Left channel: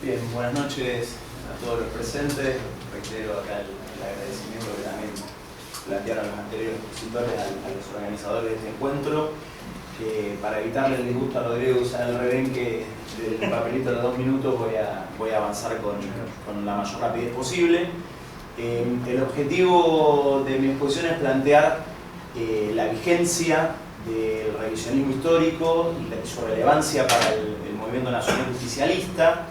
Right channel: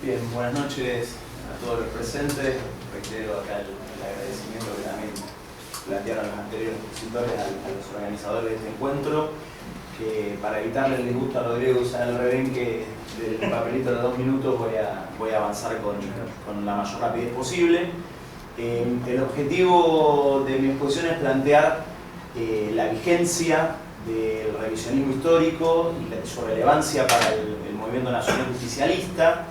Bien, buenas noches a todos los presentes. Reitero acá el agradecimiento que también plantearon los anteriores expositores a los organizadores de este encuentro. Para evitarle el disgusto a Rodrigo usar el rebenque del papelito de los 2 minutos, voy a avanzar con la mayor rapidez posible. El objetivo de mi exposición es plantear la vigencia del revisionismo histórico y su relevancia para el movimiento nacional justicialista,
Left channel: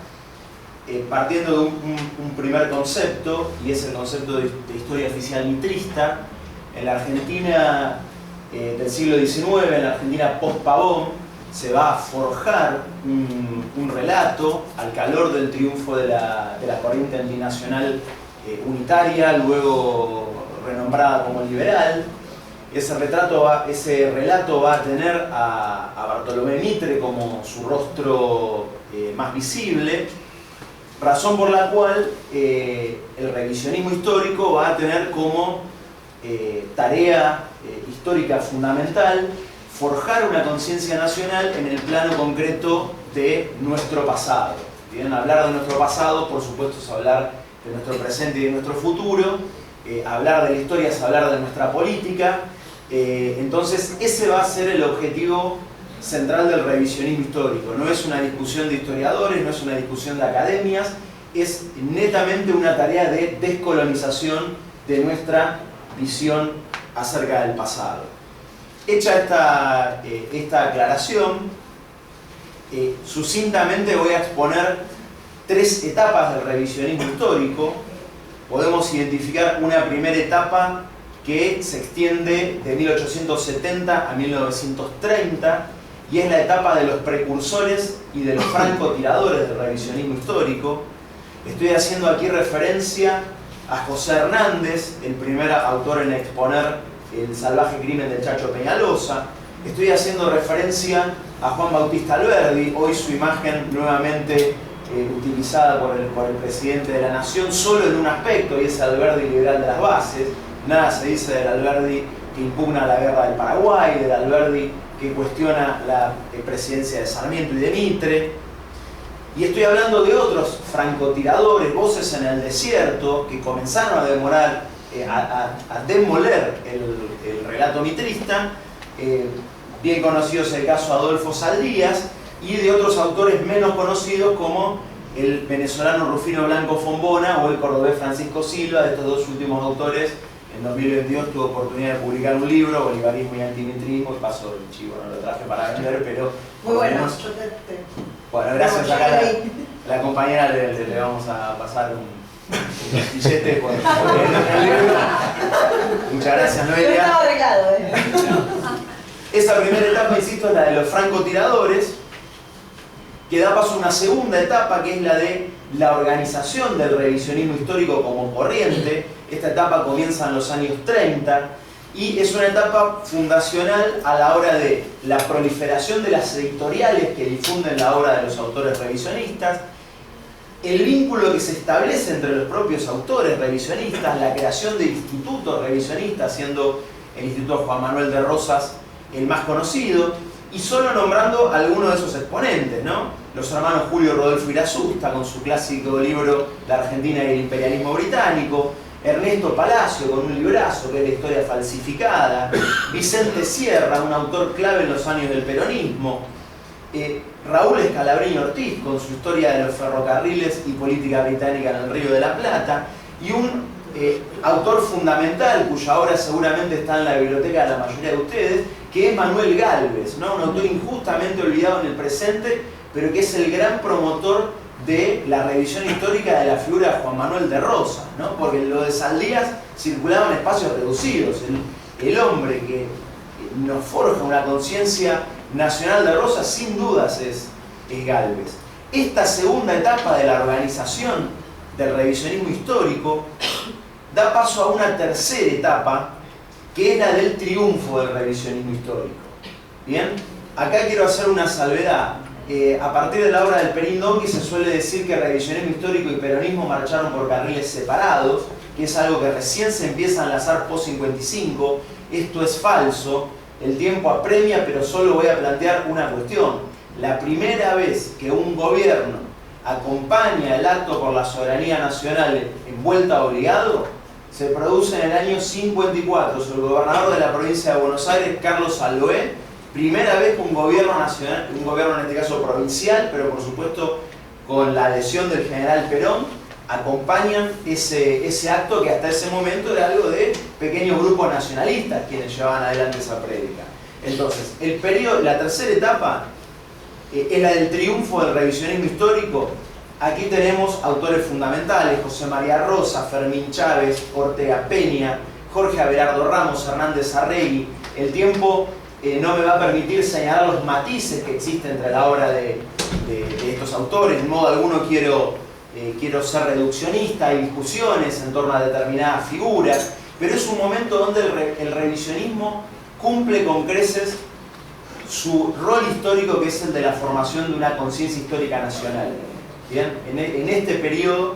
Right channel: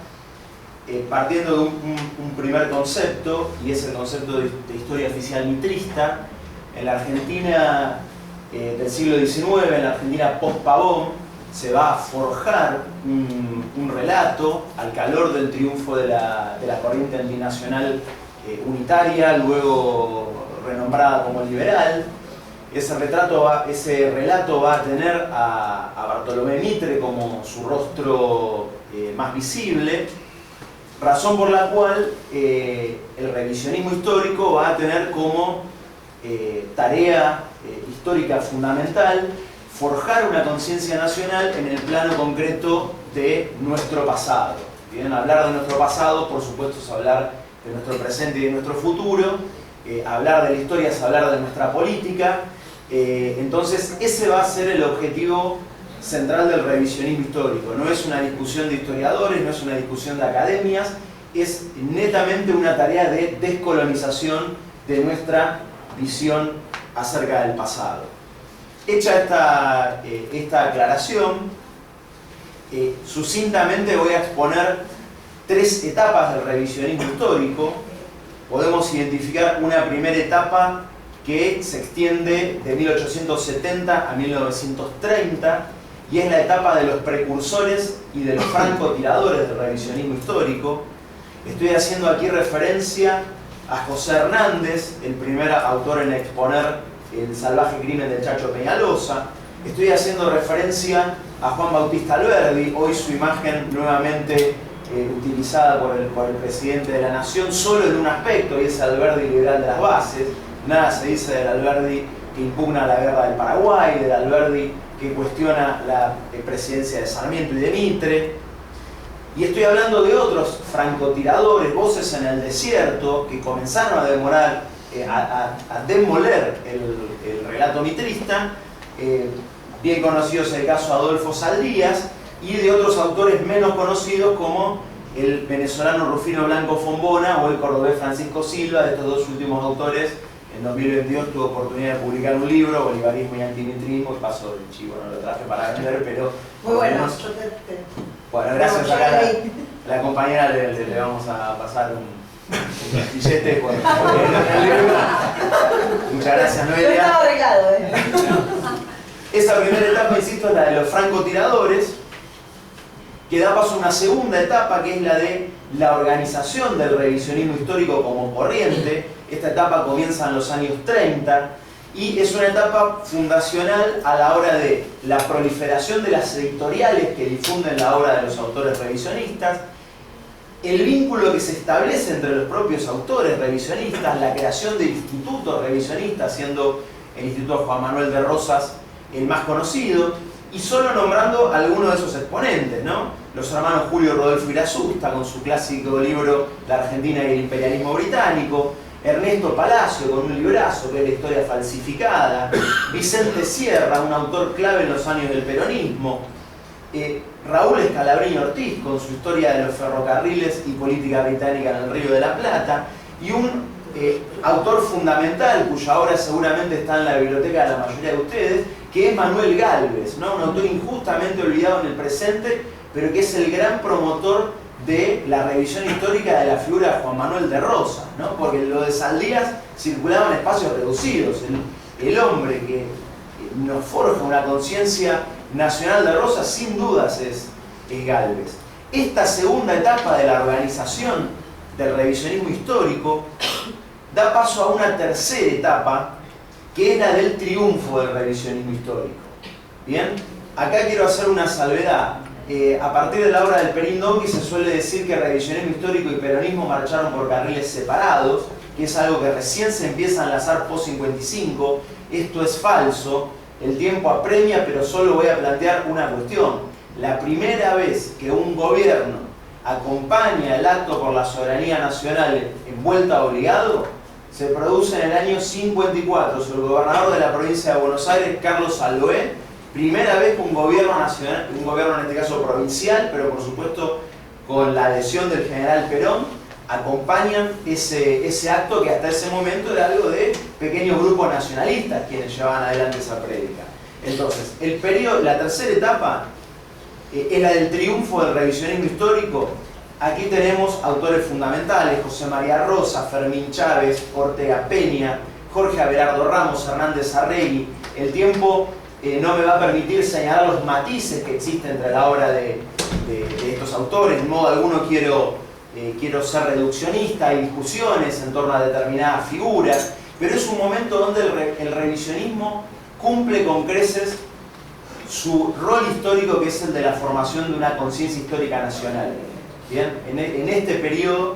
partiendo de un primer concepto, y es el concepto de historia oficial mitrista. En la Argentina del siglo XIX, en la Argentina post-Pavón, se va a forjar un relato al calor del triunfo de la corriente antinacional unitaria, luego renombrada como liberal. Ese relato va a tener a Bartolomé Mitre como su rostro más visible, razón por la cual el revisionismo histórico va a tener como tarea histórica fundamental forjar una conciencia nacional en el plano concreto de nuestro pasado. Bien, hablar de nuestro pasado, por supuesto, es hablar de nuestro presente y de nuestro futuro. Hablar de la historia es hablar de nuestra política. Entonces, ese va a ser el objetivo central del revisionismo histórico. No es una discusión de historiadores, no es una discusión de academias, es netamente una tarea de descolonización de nuestra visión acerca del pasado. Hecha esta aclaración, sucintamente voy a exponer 3 etapas del revisionismo histórico. Podemos identificar una primera etapa que se extiende de 1870 a 1930 y es la etapa de los precursores y de los francotiradores del revisionismo histórico. Estoy haciendo aquí referencia a José Hernández, el primer autor en exponer el salvaje crimen del Chacho Peñalosa. Estoy haciendo referencia a Juan Bautista Alberdi, hoy su imagen nuevamente utilizada por el presidente de la Nación, solo en un aspecto, y es el Alberdi liberal de las bases. Nada se dice del Alberdi que impugna la guerra del Paraguay, del Alberdi que cuestiona la presidencia de Sarmiento y de Mitre. Y estoy hablando de otros francotiradores, voces en el desierto, que comenzaron a demoler el relato mitrista. Bien conocido es el caso Adolfo Saldías, y de otros autores menos conocidos como el venezolano Rufino Blanco Fombona o el cordobés Francisco Silva. De estos 2 últimos autores, en 2022 tuve oportunidad de publicar un libro, Bolivarismo y Antimitrismo, y paso el chivo, no lo traje para vender, pero... Muy bueno. Bueno, gracias a la compañera le vamos a pasar un billete por el libro. Muchas gracias, Noelia. No estaba arreglado, Esa primera etapa, insisto, es la de los francotiradores, que da paso a una segunda etapa, que es la de la organización del revisionismo histórico como corriente. Esta etapa comienza en los años 30 y es una etapa fundacional a la hora de la proliferación de las editoriales que difunden la obra de los autores revisionistas, el vínculo que se establece entre los propios autores revisionistas, la creación de institutos revisionistas, siendo el Instituto Juan Manuel de Rosas el más conocido, y solo nombrando algunos de esos exponentes, ¿no? Los hermanos Julio Rodolfo Irasusta, con su clásico libro La Argentina y el imperialismo británico; Ernesto Palacio, con un librazo que es La historia falsificada; Vicente Sierra, un autor clave en los años del peronismo; Raúl Escalabrini Ortiz, con su historia de los ferrocarriles y política británica en el Río de la Plata; y un autor fundamental, cuya obra seguramente está en la biblioteca de la mayoría de ustedes, que es Manuel Gálvez, ¿no? Un autor injustamente olvidado en el presente, pero que es el gran promotor de la revisión histórica de la figura de Juan Manuel de Rosas, ¿no? Porque lo de Saldías circulaba en espacios reducidos. El hombre que nos forja una conciencia nacional de Rosas, sin dudas, es Gálvez. Esta segunda etapa de la organización del revisionismo histórico da paso a una tercera etapa, que es la del triunfo del revisionismo histórico. Bien, acá quiero hacer una salvedad. A partir de la obra del Perindongui se suele decir que revisionismo histórico y peronismo marcharon por carriles separados, que es algo que recién se empieza a enlazar post-55. Esto es falso. El tiempo apremia, pero solo voy a plantear una cuestión. La primera vez que un gobierno acompaña el acto por la soberanía nacional en vuelta obligado, se produce en el año 54, sobre el gobernador de la provincia de Buenos Aires, Carlos Salvoé, primera vez que un gobierno nacional, un gobierno en este caso provincial, pero por supuesto con la adhesión del general Perón, acompañan ese acto que hasta ese momento era algo de pequeños grupos nacionalistas quienes llevaban adelante esa prédica. Entonces, la tercera etapa es la del triunfo del revisionismo histórico. Aquí tenemos autores fundamentales: José María Rosa, Fermín Chávez, Ortega Peña, Jorge Abelardo Ramos, Hernández Arregui. El tiempo no me va a permitir señalar los matices que existen entre la obra de estos autores. De modo alguno quiero ser reduccionista, hay discusiones en torno a determinadas figuras, pero es un momento donde el revisionismo cumple con creces su rol histórico, que es el de la formación de una conciencia histórica nacional. Bien, en este periodo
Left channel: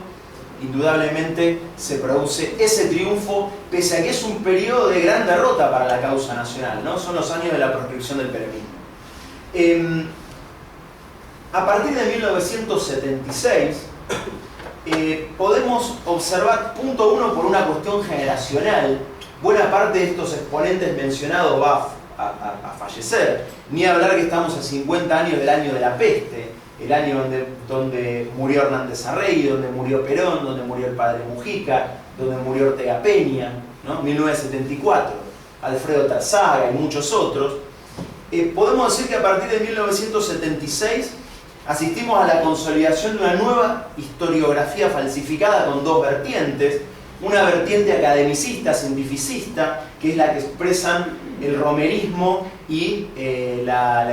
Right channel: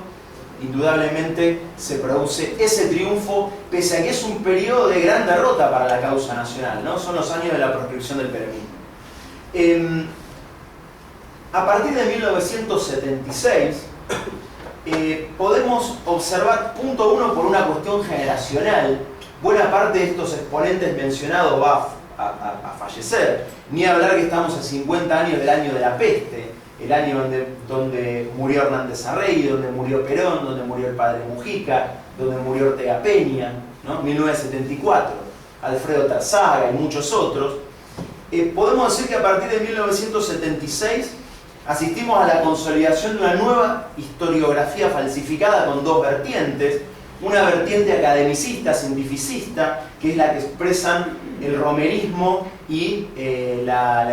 indudablemente se produce ese triunfo, pese a que es un periodo de gran derrota para la causa nacional, ¿no? Son los años de la proscripción del peronismo. A partir de 1976 podemos observar, punto uno, por una cuestión generacional, buena parte de estos exponentes mencionados va a fallecer. Ni hablar que estamos a 50 años del año de la peste, el año donde murió Hernández Arregui, donde murió Perón, donde murió el padre Mujica, donde murió Ortega Peña, ¿no? 1974, Alfredo Tarzaga y muchos otros. Podemos decir que a partir de 1976 asistimos a la consolidación de una nueva historiografía falsificada con dos vertientes. Una vertiente academicista, cientificista, que es la que expresan el romerismo y la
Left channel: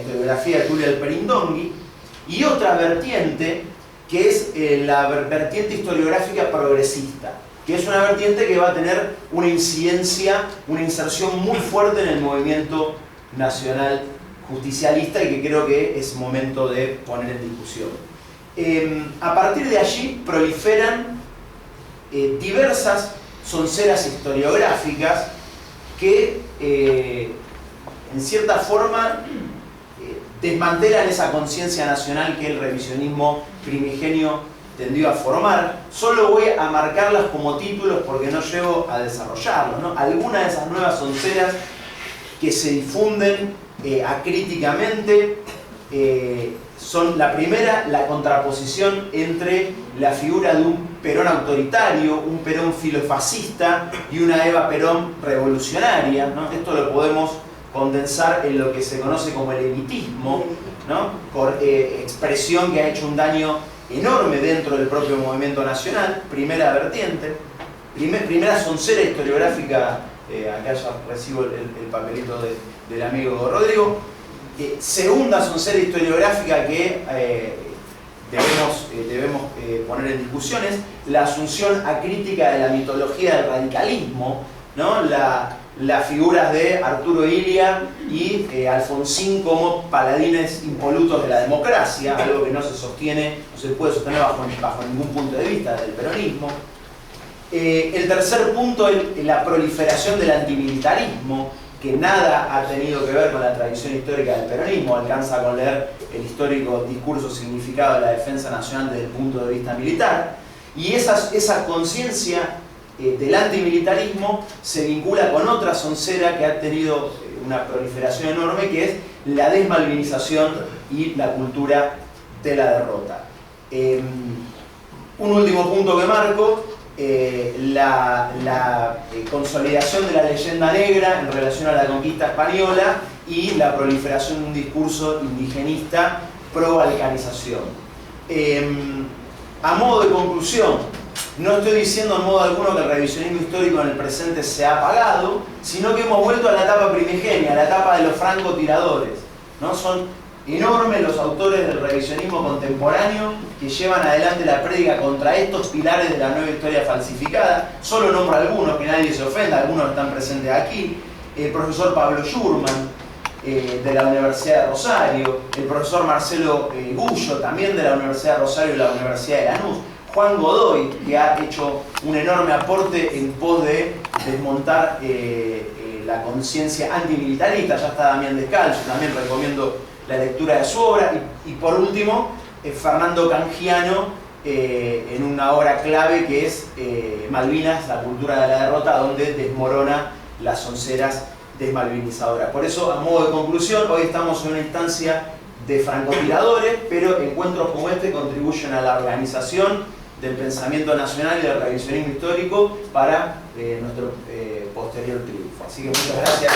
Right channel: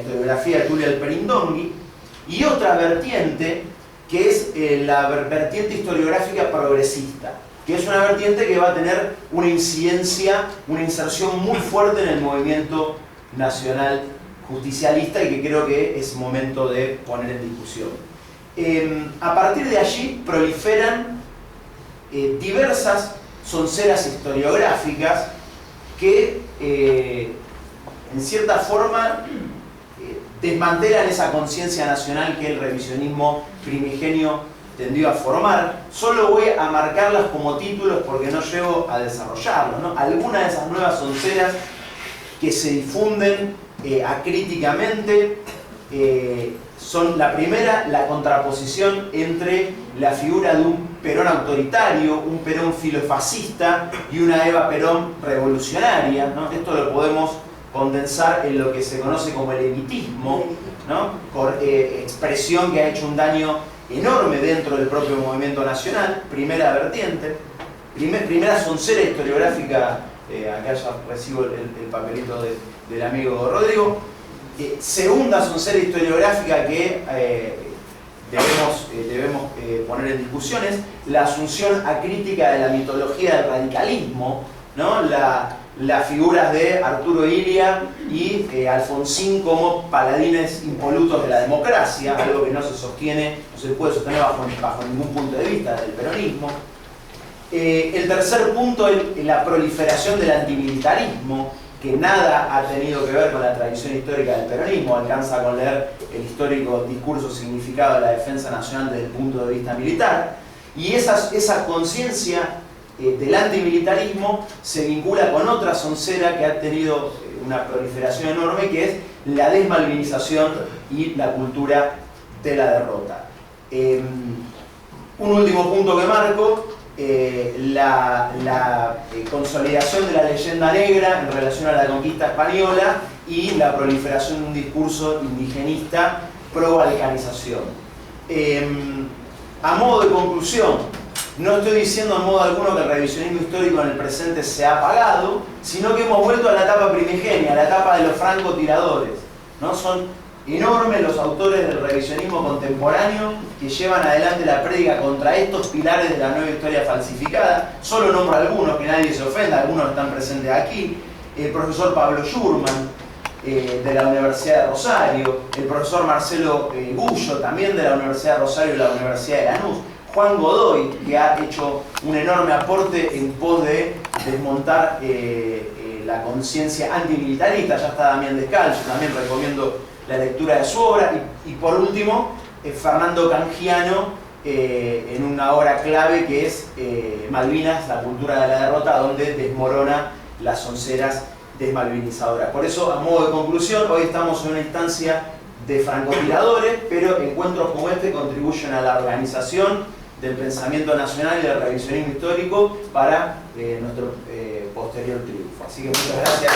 historiografía de Tulio Alperindongui, y otra vertiente que es la vertiente historiográfica progresista, que es una vertiente que va a tener una incidencia, una inserción muy fuerte en el movimiento nacional justicialista y que creo que es momento de poner en discusión. A partir de allí proliferan diversas sonceras historiográficas que en cierta forma desmantelan esa conciencia nacional que el revisionismo primigenio tendió a formar. Solo voy a marcarlas como títulos porque no llego a desarrollarlos, ¿no? Algunas de esas nuevas sonceras que se difunden acríticamente son: la primera, la contraposición entre la figura de un Perón autoritario, un Perón filofascista y una Eva Perón revolucionaria, ¿no? Esto lo podemos condensar en lo que se conoce como el evitismo, ¿no? Expresión que ha hecho un daño enorme dentro del propio movimiento nacional. Primera vertiente, primera soncera historiográfica. Acá ya recibo el papelito del amigo Rodrigo. Segunda soncera historiográfica que debemos poner en discusiones: la asunción acrítica de la mitología del radicalismo, ¿no? Las figuras de Arturo Illia y Alfonsín como paladines impolutos de la democracia, algo que no se puede sostener bajo ningún punto de vista del peronismo. El tercer punto es la proliferación del antimilitarismo, que nada ha tenido que ver con la tradición histórica del peronismo. Alcanza con leer el histórico discurso significado de la defensa nacional desde el punto de vista militar. Y esa conciencia del antimilitarismo se vincula con otra soncera que ha tenido una proliferación enorme, que es la desmalvinización y la cultura de la derrota. Un último punto que marco: la consolidación de la leyenda negra en relación a la conquista española y la proliferación de un discurso indigenista pro-balcanización. A modo de conclusión, no estoy diciendo en modo alguno que el revisionismo histórico en el presente se ha apagado, sino que hemos vuelto a la etapa primigenia, a la etapa de los francotiradores, ¿no? Son enormes los autores del revisionismo contemporáneo que llevan adelante la prédica contra estos pilares de la nueva historia falsificada. Solo nombro algunos, que nadie se ofenda, algunos están presentes aquí. El profesor Pablo Schurman, de la Universidad de Rosario, el profesor Marcelo Gullo, también de la Universidad de Rosario y la Universidad de Lanús, Juan Godoy, que ha hecho un enorme aporte en pos de desmontar la conciencia antimilitarista. Ya está Damián Descalzo, también recomiendo la lectura de su obra. Y por último, Fernando Cangiano en una obra clave que es Malvinas, la cultura de la derrota, donde desmorona las onceras desmalvinizadoras. Por eso, a modo de conclusión, hoy estamos en una instancia de francotiradores, pero encuentros como este contribuyen a la organización del pensamiento nacional y del revisionismo histórico para nuestro posterior triunfo. Así que muchas gracias.